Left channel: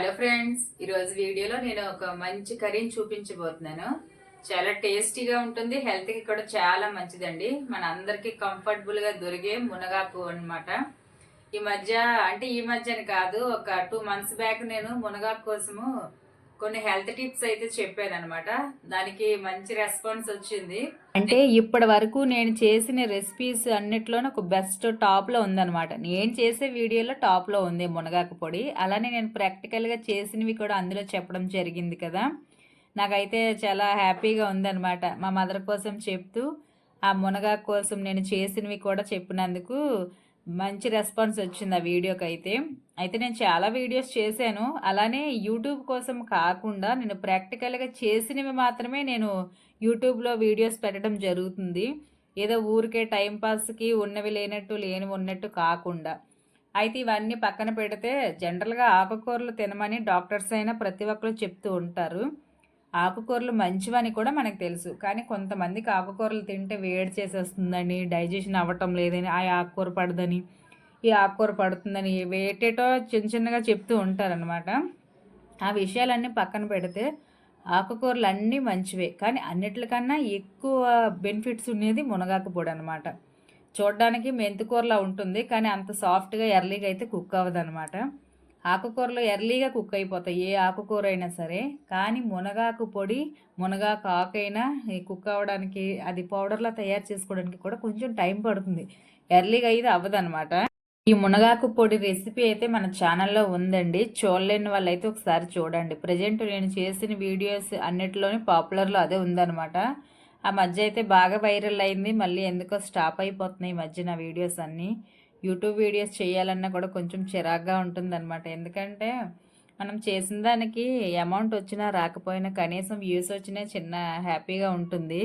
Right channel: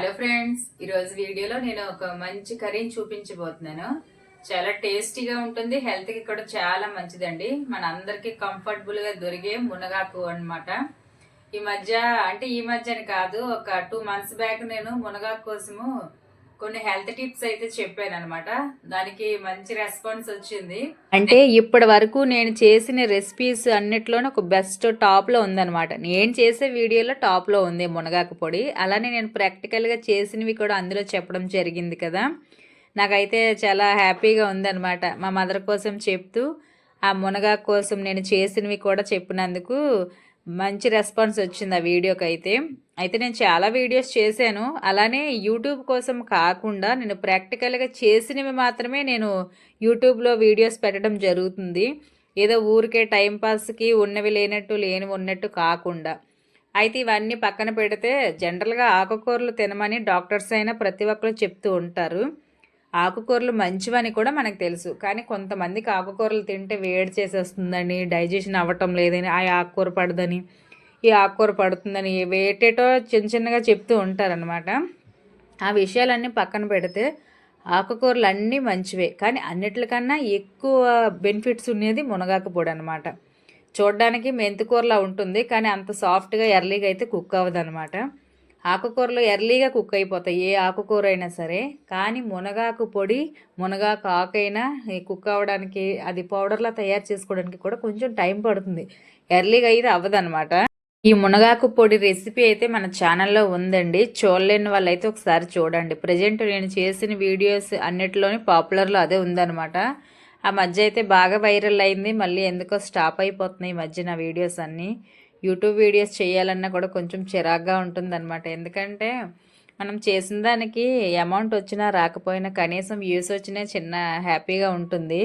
Hello friends, ఈరోజు వీడియోలో నేను ఒక మంచి కర్రీని చూపించబోతున్నాను. చాలా టేస్టీగా ఉంటుంది, హెల్త్కి కూడా చాలా మంచిదండి. మన అందరికీ కంఫర్టబుల్గా దొరికే మునగాకు అన్నమాట. ఈ మధ్యని కాదు, ఒక 2 months బ్యాక్ నేను మునగాకు కోసము కొన్ని హెల్త్ టిప్స్ అయితే చెప్పాను అనమాట. దానికి మంచి రెస్పాన్స్ వచ్చింది. అంటే ఇప్పటి వరకు నేను చేసిన రెసిపీస్ అన్నిట్లోనే ఒక బెస్ట్ టాప్లో ఉందన్నమాట. నేను చేసే వీడియోలో టాప్లో ఉంది మునగాకు పొడి. అలానే నేను ప్రాక్టికల్గా చేసినవి కూడా అందులో చెప్పడం జరిగింది కదా. నాకైతే చాలా హ్యాపీగా ఉందన్నమాట. మా మదర్ కోసం చెప్తూ ఆ మునగాకు కోసం నేను చేసినవి కూడా చెప్పినందుకు మంచి రెస్పాన్స్ వచ్చింది ఆ వీడియోకి అయితే. అయితే నేను చాలా వీడియోస్ చేశాను. అలానే యూట్యూబ్ కోసం కాకుండా నేను ప్రాక్టికల్గా చేసినవి మాత్రమే నేను యూట్యూబ్లో వీడియోస్ పెట్టడం జరుగుతుంది. ఏదో ఊరికే టైంపాస్కి ఉన్నవి లేనట్టు లేనివి ఉన్నట్టు కాకుండా. అయితే ఇవన్నీ పక్కన పెడితే జనరల్గా ఆకుకూరలు తినమని డాక్టర్స్ అయినా ప్రతి ఒక్కరు చెప్తూ ఉంటారు. ఆకుకూరలు మంచివని కూడా మనకు తెలుసు. కానీ కొంతమందికి ఆకుకూరలు తింటే వేడి చేసేస్తుందని, డైజెషన్ అవ్వటం లేదని, ఆ ఆకుకూర పడదని, ఈ ఆకుకూర పడుతుందని వేటేటో చిన్న చిన్నగా చెప్తూ ఉంటారనమాట. ఆ విషయాలన్నీ పక్కన పెడితే ఆకుకూరలు అన్నీ మంచివే. కానీ అన్నిటికన్నా ఎక్కువ బెనిఫిట్స్ ఉండేది మునగాకు పొడి అనమాట. చూడడానికి మెంతికూరలా ఉంటుంది, కానీ అంత సాఫ్ట్గా ఎర్లీగా అయితే కుక్ అవ్వదనమాట. ఆకుకూరలు ఎర్లీగా కుక్ అయిపోతాయి, ఏ ఆకుకూర అయినా సరే. కానీ మునగాకు పొడి, మునగాకు ఆకైనా కుక్ అవ్వడానికి, అది పౌడర్లా తయారు చేసుకోవడానికి కూడా కొంచెం టైం పడుతుంది. ఎర్లీగా అయితే అవ్వదనమాట. ఈ మునగాకు పొడి రెసిపీ అయితే మన ఛానల్లో ఉందండి. చూడలేని వాళ్ళైతే ఒకసారి చూడండి. ప్రజెంట్ నేను చేసిన వీడియోస్ అన్నిటిలోని పాపులర్లో అదే ఉందనమాట. ఆ మధ్య అయితే బాగా వైరల్ అయింది. మళ్ళీ ఎందుకో స్టాప్ అయిపోతున్నాయి ఈ మధ్య నా వీడియోస్ అన్నీ. యూట్యూబ్ వీడియోస్ చేయాలన్నా కూడా కొంచెం చిరాగ్గా ఉంటుందన్నమాట. ఎందుకంటే మనం చేసిన దానికి అమౌంట్ వచ్చినా రాకపోయినా కనీసం వ్యూస్ వచ్చినా చిన్న హ్యాపీగా ఉంటుంది.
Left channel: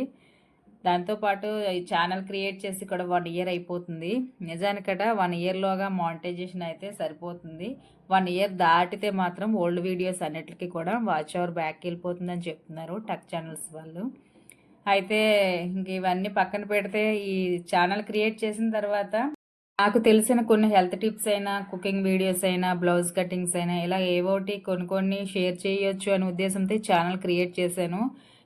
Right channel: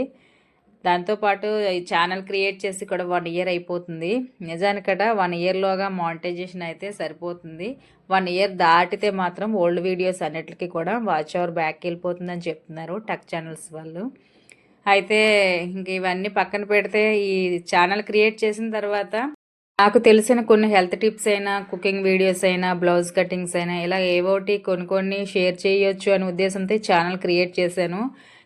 దాంతోపాటు ఈ ఛానల్ క్రియేట్ చేసి కూడా 1 year అయిపోతుంది. నిజానికట 1 yearలోగా మానిటైజేషన్ అయితే సరిపోతుంది. 1 year దాటితే మాత్రం ఓల్డ్ వీడియోస్ అన్నిటికీ కూడా వాచ్ అవర్ బ్యాక్ వెళ్ళిపోతుందని చెప్తున్నారు టెక్ ఛానల్స్ వాళ్ళు. అయితే ఇంక ఇవన్నీ పక్కన పెడితే ఈ ఛానల్ క్రియేట్ చేసిన తర్వాత నాకు తెలిసిన కొన్ని హెల్త్ టిప్స్ అయినా, కుకింగ్ వీడియోస్ అయినా, బ్లౌజ్ కటింగ్స్ అయినా ఇలా ఏవోటి కొన్ని షేర్ చేయొచ్చు అనే ఉద్దేశంతో ఛానల్ క్రియేట్ చేశాను.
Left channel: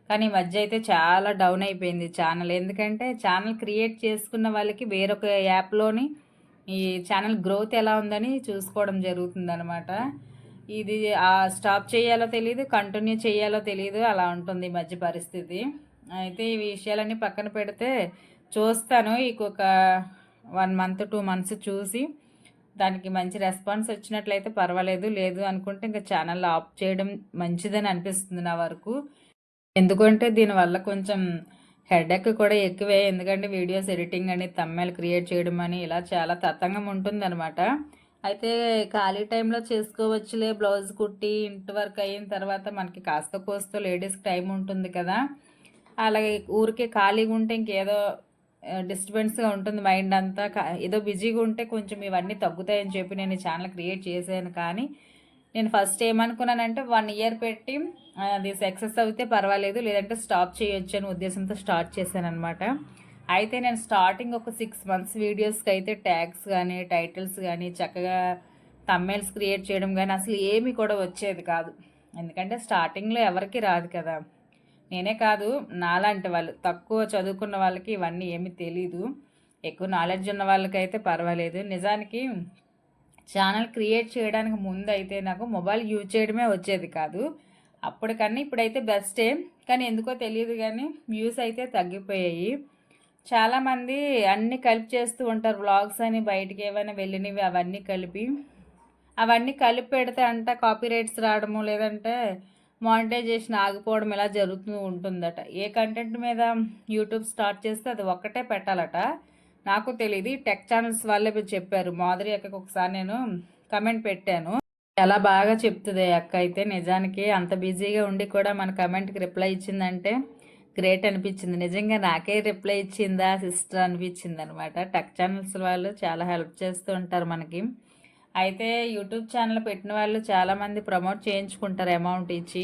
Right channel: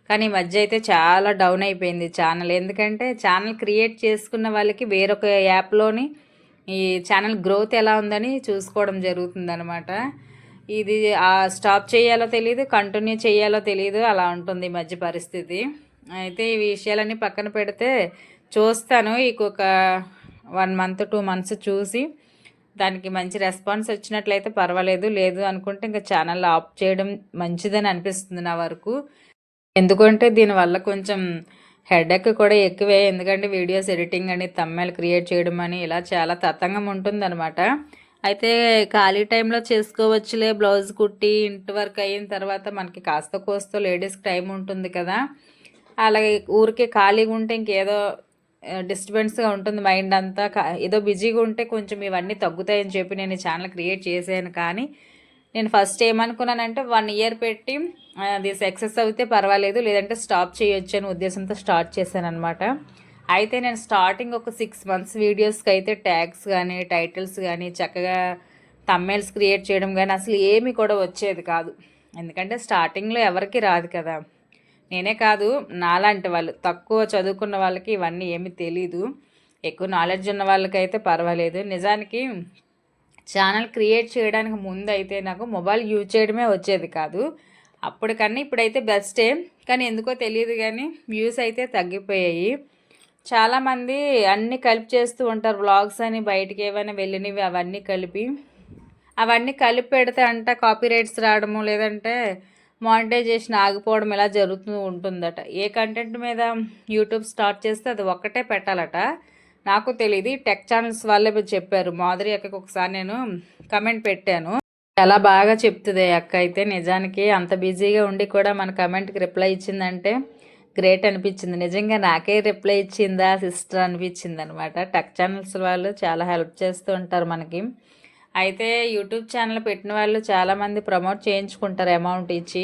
కానీ ఈ మధ్య అయితే చాలా డౌన్ అయిపోయింది ఛానల్. ఎందుకంటే ఛానల్ క్రియేట్ చేసుకున్న వాళ్ళకి వేరొక యాప్లోని ఈ ఛానల్ గ్రోత్ ఎలా ఉందని చూసుకోవడం జరుగుతుందనమాట. ఇది స్టాప్ చేయాలో తెలియదు, కంటిన్యూ చేయాలో తెలియదు, అలా ఉంటుంది ఈ మధ్య పరిస్థితి. అయితే ఈ విషయాలన్నీ పక్కన పెడితే చూస్తాను. ఇంకొక 1 month 2 months చూసి దానికి మంచి రెస్పాన్స్ వచ్చినట్లయితే పర్వాలేదు. లేదు అనుకుంటే ఇంకా ఛానల్ ఆఫ్ చేయడం మంచిదని అనిపిస్తుంది నా వరకు. ఎందుకంటే దీనివల్ల కొంచెం హెడేక్ కూడా ఎక్కువే. ఎందుకంటే వీడియోస్ ఎడిటింగ్ అని, థంబ్నెయిల్ క్రియేట్ చేయడం అని ఇలా చాలా తతంగం ఉంటుందన్నమాట. అయితే ఖాళీ టైంలో చేసుకోవచ్చులే, బ్లౌజ్ కుట్టి ఇంటి వర్క్ అయిన తర్వాత మనకి కాస్త కోస్తో లేడీస్కి టైం ఉంటుంది కదా. అలాగే ఊరికే ఖాళీగా ఉంటే ఇంకేదో డిస్టర్బెన్స్గా ఉంటుంది మైండ్ అంతా. ఏదో బిజీగా ఉంటే కొంచెం ఇవన్నీ తగ్గుతాయని చెప్పి నేను ఈ ఛానల్ క్రియేట్ చేశాను. కానీ నేను ఫస్ట్ ఏమనుకున్నానంటే 1 year పెట్టి అది సక్సెస్ అయితే పర్వాలేదు, లేదంటే స్టాప్ చేయొచ్చు అనే ఉద్దేశంతో స్టార్ట్ చేశాను అనమాట. అయితే నేను స్టార్టింగ్ ఒక 6 months వీడియోస్కి అయితే ట్యాగ్స్ కానీ, టైటిల్స్ కానీ, చక్కగా థంబ్నెయిల్స్ క్రియేట్ చేయడం కానీ అసలు ఏమీ కూడా వచ్చేది కాదు. ఎందుకంటే స్టార్టింగ్లో ఎవరికి రాదు కదా. నేనే కాదు, నాలాంటి వాళ్ళు తక్కువ చదువుకున్న వాళ్ళకి ఇవన్నీ ఏమీ తెలీదు. ఎక్కువ నాలెడ్జ్ ఉన్న వాళ్ళకైతే పర్వాలేదు. నిజానికి ఛానల్ క్రియేట్ చేయడానికి ముందు అయితే నాకు మొబైల్ యూజ్ చేయడమే వచ్చేది కాదు. అప్పటికన్నా ఇప్పుడైతే బెస్టే. కానీ ఎందుకో తెలియదు కానీ వ్యూస్ అయితే తగ్గిపోయాయి. చాలామంది అన్నీ కలిపి చేస్తూ ఉంటారు. వ్లాగ్స్ అని, బయటికి ఏమైనా వెళ్ళినవి అవన్నీ కలిపి పెడితే అంట కాపీరైట్స్ రావడము, లేదంటే మానిటైజేషన్ ఆగిపోవడం ఇలా జరుగుతూ ఉంటుందట. ఏ కంటెంట్ మీద యూట్యూబ్ స్టార్ట్ చేస్తే అది ఒక్కటే పెట్టాలట. నాకు తెలియదు, టెక్ ఛానల్స్ వాళ్ళే చెప్పారు. మాధురి అక్కకి ఒకసారి నేను కమెంట్ పెట్టాను. చాలా బాగా చెప్తుంది అక్క అయితే. నిజానికి అంత బిజీగా ఉండి కూడా మన కమెంట్కి రిప్లై ఇచ్చిందంటే గ్రేట్ అనిపించింది. నిజంగా నాకే రిప్లై ఇచ్చిందా సిస్టర్ అనిపించింది అనమాట. టెక్ ఛానల్స్ వాళ్ళు చాలా హెల్ప్ చేస్తూ ఉంటారు మనకి. అయితే యూట్యూబ్ ఛానల్ పెట్టిన వాళ్ళు చాలామంది ప్రమోట్ చేయించుకుంటారు అమౌంట్ ఇచ్చి.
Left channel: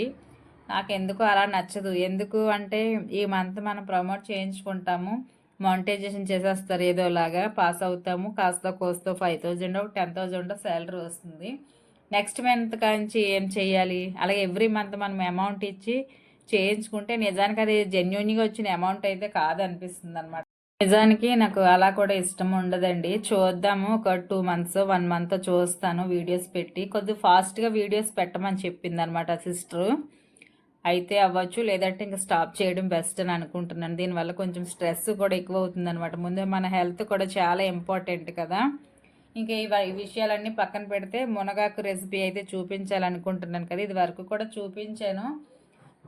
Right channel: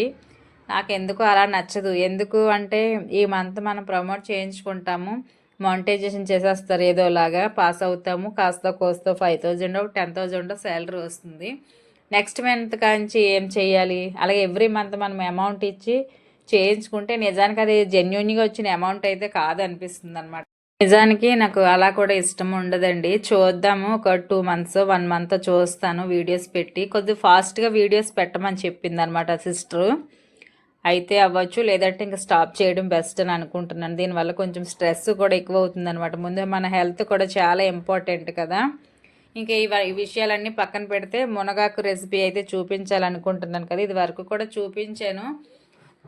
నాకు ఎందుకు అలా నచ్చదు. ఎందుకు అంటే ఈ మంత్ మనం ప్రమోట్ చేయించుకుంటాము, మానిటైజేషన్ చేసేస్తారు, ఏదోలాగా పాస్ అవుతాము, కాస్త కోస్తో 5,000 10,000 శాలరీ వస్తుంది. నెక్స్ట్ మంత్ కాంచి ఏం చేయాలి, అలాగే ఎవ్రీ మంత్ మనం అమౌంట్ ఇచ్చి చేయించుకుంటే నిజానికి అది జెన్యున్గా వచ్చిన అమౌంట్ అయితే కాదనిపిస్తుంది అనమాట. నిజానికి నాకు అలా కూడా ఇష్టం ఉండదండి. చూద్దాము, ఒక 2 మంత్స్ 1 మంత్ చూస్తాను వీడియోస్ పెట్టి. కొద్దిగా ఫాస్ట్గా వీడియోస్ పెట్టమని చెప్పింది అనమాట సిస్టరు. అయితే అవ్వచ్చు, లేదంటే ఇంకా స్టాప్ చేయడం బెస్ట్ అని అనుకుంటున్నాను. దీనివల్ల కొంచెం స్ట్రెస్ కూడా ఎక్కువ అవుతుంది అనమాట. ముందు మన హెల్త్ కూడా చాలా ఇంపార్టెంట్ కదా. ఇంకా ఈ విషయాలన్నీ పక్కన పెడితే మునగాకు రెసిపీ అయితే చూపించాలనుకుంటున్నాను కదా. ఇది వరకు కూడా చూపించాను,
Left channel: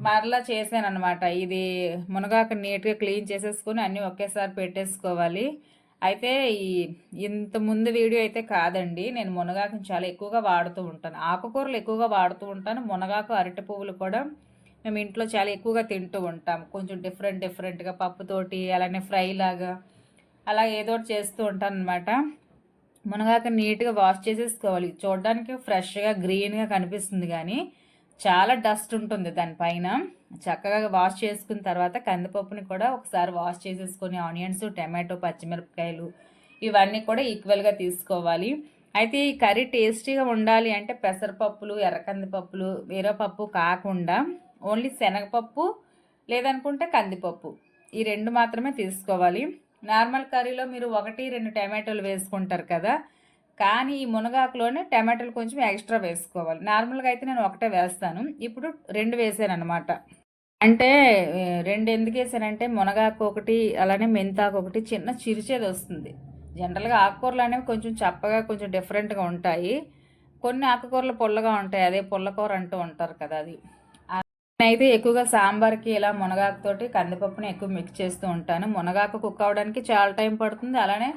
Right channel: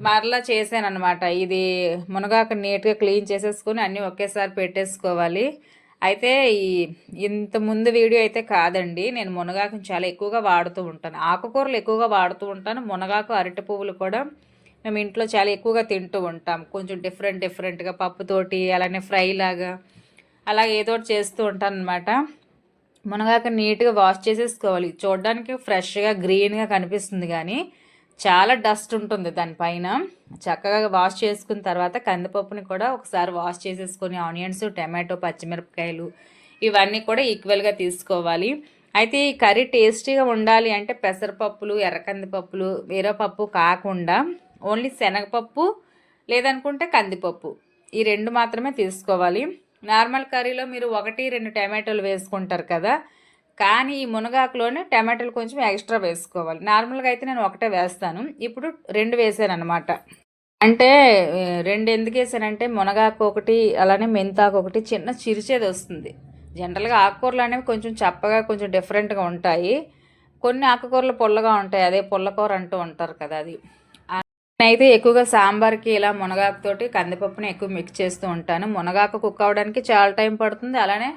మరలా చేశాను అనమాట. ఇది మునగాకు నీట్గా క్లీన్ చేసేసుకొని అన్నీ ఒకేసారి పెట్టేసుకోవాలి. అయితే ఇంత ముందు వీడియో అయితే కాదండి, నేను మునగాకుని చాలా ఎక్కువగా వాడుతూ ఉంటాను. ఆకుకూరలు ఎక్కువగా వాడుతూ ఉంటాను. మునగాకు, అరటి పువ్వులు కూడా మేము ఇంట్లో చాలా ఎక్కువగా తింటూ ఉంటాం. కొంచెం డిఫరెంట్గా పప్పుతోటి, అలానే ఫ్రై లాగా అలా ఏదో ఒకటి చేస్తూ ఉంటాను అనమాట. మునగాకు నీట్గా వాష్ చేసేసుకోవాలి. చూడడానికి ఫ్రెష్గా గ్రీన్గా కనిపిస్తుంది, కానీ చాలా డస్ట్ ఉంటుంది దానిపైన. చక్కగా వాష్ చేసుకున్న తర్వాత కందిపప్పుని కూడా ఒకసారి వాష్ చేసేసుకొని ఆనియన్స్, టమాటో, పచ్చిమిరపకాయలు ఇవన్నీ కూడా ఈక్వల్గా తీసుకోవాలి. అయితే ఈ కర్రీ టేస్టీగా ఉండాలి అంటే పెసరపప్పులు, ఎర్రకందిపప్పులు, వేరే పప్పు కాకుండా ఓన్లీ శనగపప్పు లేదనుకుంటే కందిపప్పు, ఈ 2 మాత్రమే తీసుకోవాలి. నార్మల్ కర్రీలో మీరు 1-2 టమాటోలు వేసుకుంటారు కదా, కానీ ఈ మునగాకులోనే టమాటాలు కొంచెం ఎక్స్ట్రా వేసుకోవాలి. నార్మల్గా అయితే నేను ఒకటే వేస్తాను, ఇప్పుడు 2 వేసాను అనమాట. అంటే 2 ఎందుకు వేసానంటే మునగాకు ఒకటి, అలానే మెంతాకు ఒకటి చిన్న చిరిచేది వస్తుంది. జనరల్గా ఆకుకూరలు అనేవి కొంచెం చప్పగా, కొంచెం డిఫరెంట్గా ఉంటాయి. కొన్ని ఆకుకూరలు పుల్లగా ఉంటాయి, అదే పుల్లకూర అంటూ ఉంటారు కదా అది. నేనైతే ఎక్కువగా సాంబార్కి ఇలా మునగాకుతోటి కందిపప్పుని ఎక్కువ మిక్స్ చేస్తూ ఉంటాను. మునగాకు కుక్ అవ్వడానికి చాలా టైం పడుతుంది, అలానే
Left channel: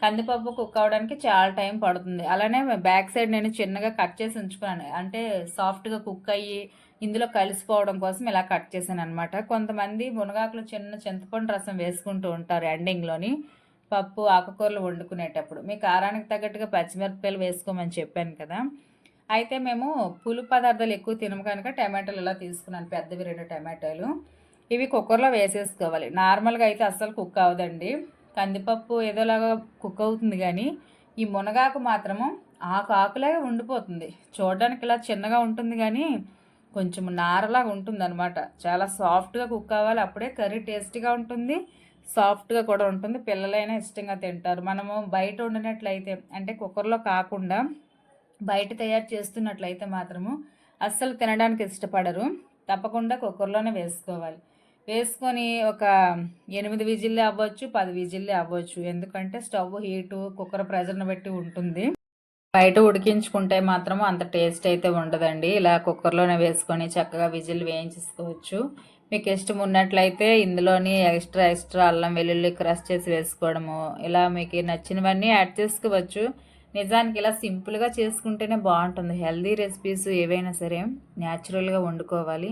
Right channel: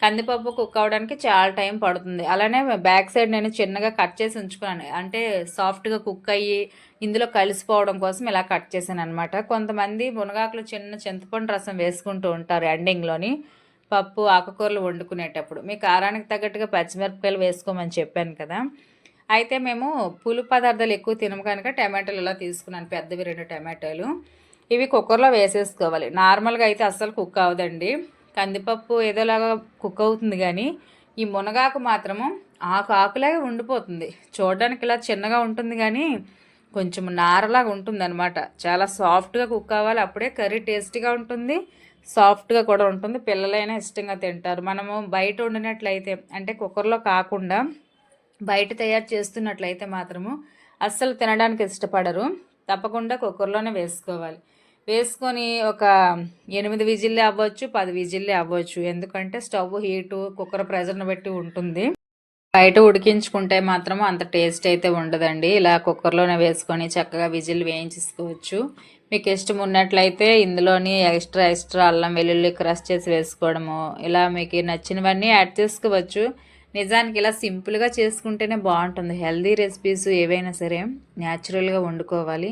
కందిపప్పు కుక్ అవ్వడానికి చాలా టైం పడుతుంది. అలానే బ్యాక్ సైడ్ నేను చిన్నగా కట్ చేసి ఉంచుకున్నాను, అంటే సాఫ్ట్గా కుక్ అయ్యి ఇందులో కలిసిపోవడం కోసం ఇలా కట్ చేశాను అనమాట. కొంతమంది మునగాకులు చిన్న చింతపండు రసం వేసుకుంటూ ఉంటారు ఎండింగ్లోని, పప్పు ఆకుకూరలు వండుకునేటప్పుడు. మీ కారానికి తగ్గట్టుగా పచ్చిమిరపకాయలు వేసుకోమని చెప్పాను కదా. అయితే మేము పులు పదార్థాలు ఎక్కువ తినము కనుక టమాటాలు ఇలా తీసుకున్నాను, పెద్దవి 2 టమాటాలు. ఇవి కుక్కర్లో వేసేసుకోవాలి. నార్మల్గా అయితే అస్సలు కుక్ అవ్వదండి. కందిపప్పు ఏదోలాగా కుక్ అవుతుంది, కానీ ఈ మునగాకు మాత్రము ఆకులాగా ఉండిపోతుంది. చూడడానికి ఇలా చిన్నగా ఉంటుంది, కానీ కొంచెం నారలాగా ఉంటుంది అనమాట. చాలా సాఫ్ట్గా కుక్ అవ్వాలి, అప్పుడే కర్రీ టేస్టీగా ఉంటుంది, సాఫ్ట్గా కూడా ఉంటుంది. పిల్లలైనా ఇష్టంగా తింటారు. మనము బయట వండినట్లయితే, అంటే కుక్కర్లో కాకుండా బయట తయారు చేస్తున్నట్లయితే మాత్రము అస్సలు తినడానికి ఇష్టపడరు. తప్పకుండా కుక్కర్లోనే వేసుకోవాలి. వేసుకొని ఒక 8 విజిల్లే అవ్వచ్చు, 10 విజిల్లే అవ్వచ్చు. ఎందుకంటే స్టవ్ హీటు, కుక్కర్ ప్రెజర్ని బట్టి ఉంటుంది. బయట ఉడికించుకుంటే మాత్రము అంత టేస్ట్ అయితే ఉండదండి. ఇలా కుక్కర్లోనే వేసుకొని చక్కగా విజిల్ వేయించేసుకోవచ్చు. మీకు ఇష్టం ఉన్నట్లయితే ఇందులోని ఎక్స్ట్రా అల్లం వెల్లుల్లి క్రష్ చేసి వేసుకోవడము, ఇలా మీకు నచ్చినవన్నీ యాడ్ చేసుకోవచ్చు. నిజానికి ఇలా సింపుల్గా చేసుకుంటేనే బాగుంటుంది. హెల్దీ రెసిపీస్ ఏవైనా సరే న్యాచురల్గా వండుకోవాలి.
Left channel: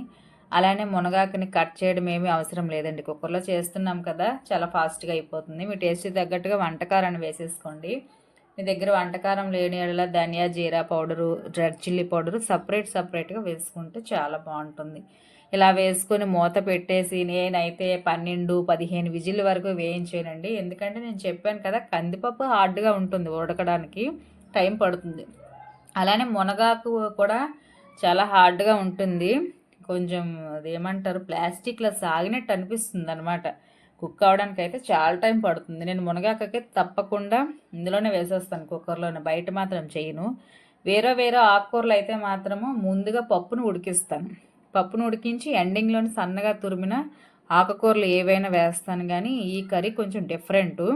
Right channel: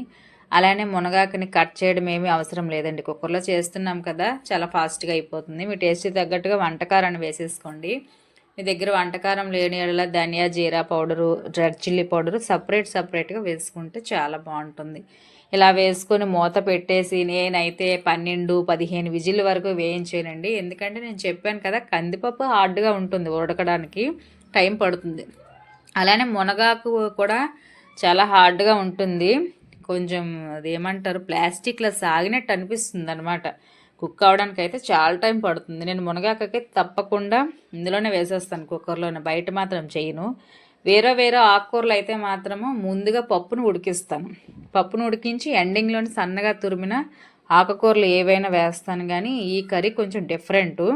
అలానే మునగాకుని కట్ చేయడం ఏమీ అవసరం లేదండి, కుక్కర్లో చేస్తున్నాం కదా, చాలా ఫాస్ట్గా అయిపోతుంది. మీ టేస్ట్కి తగ్గట్టుగా వంటకారాన్ని వేసేసుకోండి. మీ దగ్గర వంటకారం లేని యెడల ధనియా, జీరా పౌడరు, రెడ్ చిల్లీ పౌడరు సపరేట్గా వేసుకుంటే చాలా బాగుంటుంది. ఇలా వేసుకొని మూత పెట్టేసి నేనైతే 12-15 విజిల్ వరకు వేయించానండి. ఎందుకంటే నేను చెప్పాను కదా, కందిపప్పు హార్డ్గా ఉంటుంది, ఉడకడానికి టైం పడుతుంది. అలానే మునగాకు కూడా చాలా హార్డ్గా ఉంటుంది, కొంచెం అదేమంటారు ప్లాస్టిక్లో సాగినట్టు అనిపిస్తుంది అనమాట. కుక్ అవ్వడానికి అయితే చాలా టైం పడుతుంది. నేను మునగాకైతే తప్పకుండా ఇందులోనే వేసేస్తాను, కుక్కర్లోనే. బయట మాత్రం చేయను. వేరే ఆకుకూరలు అయితే మాత్రము ముందుగా పప్పును ఉడికిస్తాను. పప్పును ఉడికించి ఎండింగ్లోని సన్నగా తురిమిన ఆకుకూరలు ఏవైనా వేస్తాను. కానీ ఈ కర్రీ కొంచెం డిఫరెంటు.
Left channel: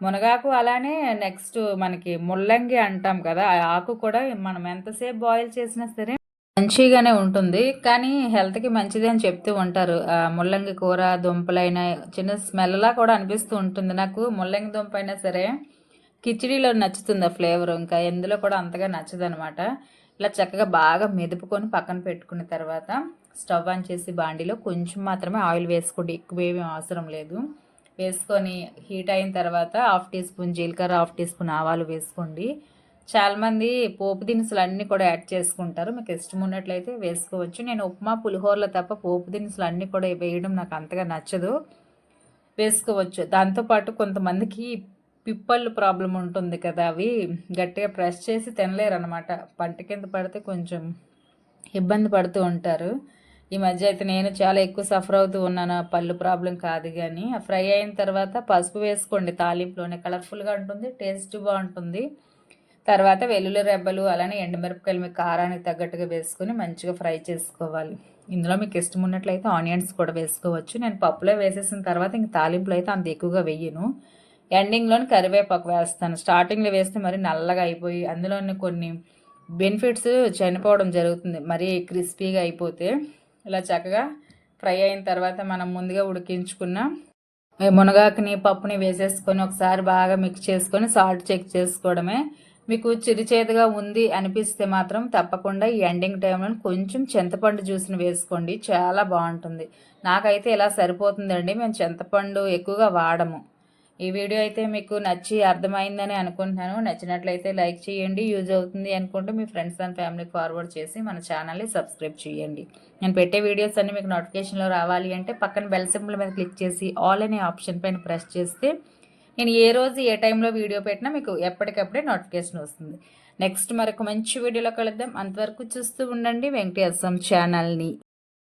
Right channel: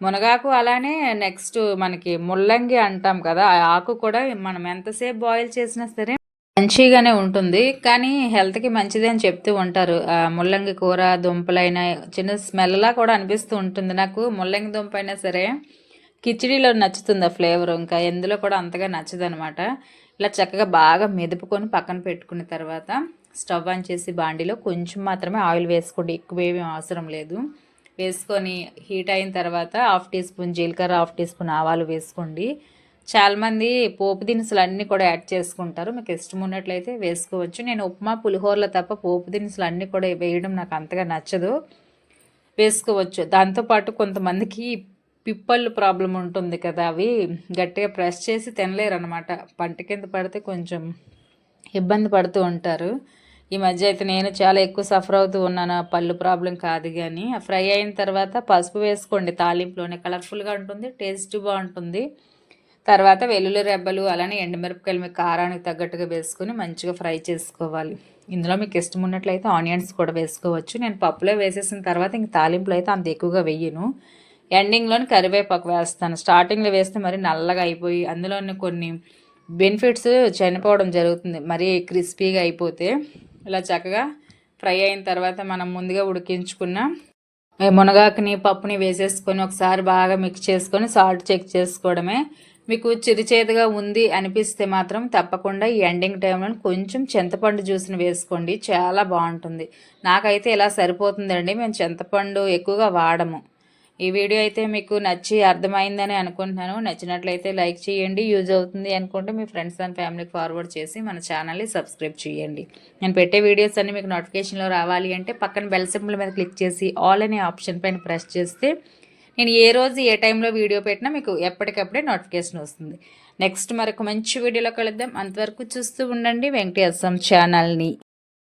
మునగాకు అలానే నెక్స్ట్ మనకి ముల్లంగి అంటాం కదా, ఆ ఆకు కూడా మనం ఎంతసేపు బాయిల్ చేసినా సరే మంచిగానే ఉంటుంది, కానీ హెల్త్కి మంచిది అని చెప్తూ ఉంటారు. ముల్లంగి కూర దుంపలైనా చిన్న స్మెల్లా కూడా అనిపిస్తూ ఉంటుంది. నాకు ముల్లంగి దుంప అయినా సరే కిచిడీలో నచ్చుతుంది ఆ ఫ్లేవర్, ఇంకా ఎందులో కూడా అంతగా నచ్చదనమాట. ఇలా చక్కగా బాగా మెదుపుకొని పక్కన పెట్టుకున్న తర్వాత స్టవ్ ఆన్ చేసి బాండీలో కొంచెం మాత్రమే ఆయిల్ వేసుకోండి, ఎక్కువ ఏమీ అవసరం లేదు. వేసుకొని హీట్ అయిన తర్వాత 1/2 టీ స్పూన్ జీలకర్ర, 1/2 టీ స్పూన్ ఆవాలు వేసుకోండి. చాలామంది పోపు దినుసులు అన్నీ కూడా యాడ్ చేసుకుంటారు, మీకు ఇష్టం ఉన్నట్లయితే వేసుకోవచ్చు. నేను ఉప్మా పులిహోరలో తప్ప పోపు దినుసులు అన్నీ కూడా వేయడం నాకు అంతగా నచ్చదు. వేసుకోవచ్చు. దాంతోపాటు కొంతమందికి పిప్పళ్ళు ప్రాబ్లం ఉంటుంది కదా, అవి గట్టిగా ప్రెస్ చేసి తినలేరు అనమాట. పంట కింద పడితే కొంచెం ఇబ్బంది పడుతూ ఉంటారు. ఈ మధ్య అయితే నేను చాలా ఎక్కువ సఫర్ అవుతూ ఉన్నాను. పళ్ళు ప్రాబ్లం కాదు కానీ ఫ్రై అయిన తర్వాత పసుపు వేసుకోండి తాలింపులోనే, కలర్ఫుల్గా ఉంటుంది, టేస్ట్ బాగుంటుంది. తర్వాత వెల్లుల్లి రెబ్బలు అలానే ఎండుమిరపకాయలు మీకు కారానికి తగ్గట్టుగా వేసుకొని మంచిగా ఫ్రై చేసుకోవాలి. ఇందులో మీకు ఇష్టం ఉన్నట్లయితే ఆనియన్స్ కూడా వేసుకోవచ్చు. నేను పప్పులో వేసేసిన తర్వాత ఇంక తాలింపులో అయితే అంత ఎక్కువగా వెయ్యను. ఎండింగ్లోని కరివేపాకు వేస్తాను. స్టార్టింగ్లో వేస్తే మరి నల్లగా అయిపోయి అందులోని కొన్ని బెనిఫిట్స్ చనిపోవడం జరుగుతుంది మరీ క్రిస్పీగా అయిపోతే. ఇలా చక్కగా ఫ్రై అయిన తర్వాత మనం ముందుగా ఉడికించుకున్న మునగాకుని పప్పుని వేసేసుకొని ఒకసారి బాగా మిక్స్ చేసుకొని సాల్ట్ చెక్ చేసుకోవడమే. మీకు చిరుచేదుగా ఉంది అనిపిస్తే మాత్రం తప్పకుండా ఈ ఎండింగ్ టైంలో కొంచెం చింతపండు జ్యూస్ని వేసుకోండి, చాలా బాగుంటుంది. నాకైతే ఇలా సరిపోతుందండి, మేము చింతపండు ఎక్కువగా వాడము. ఈ వీడియో అయితే మీకు నచ్చి అర్థమైందని అనుకుంటున్నాను. నచ్చినట్లయితే లైక్ చేయండి, యూజ్ అవుతుంది అనుకుంటే మీ ఫ్రెండ్స్ అండ్ ఫ్యామిలీకి ఫార్వర్డ్ చేసి మన ఛానల్ని సబ్స్క్రైబ్ చేయండి. నేను పెట్టే వీడియోస్ అన్నీ మీకు నోటిఫికేషన్లో రావాలి అంటే పక్కన బెల్ సింబల్ మీద క్లిక్ చేసి ఆల్ అనే ఆప్షన్ పైన ప్రెస్ చేస్తే నేను ఏ రోజు ఏ టైంలో వీడియో పెట్టినా మీకు ఎప్పటికప్పుడే నోటిఫికేషన్ వస్తుంది. నెక్స్ట్ మరొక మంచి వీడియోలో కలుద్దాం. అంతవరకు చూస్తూ ఉండండి వెంకటేశం ఛానల్ని.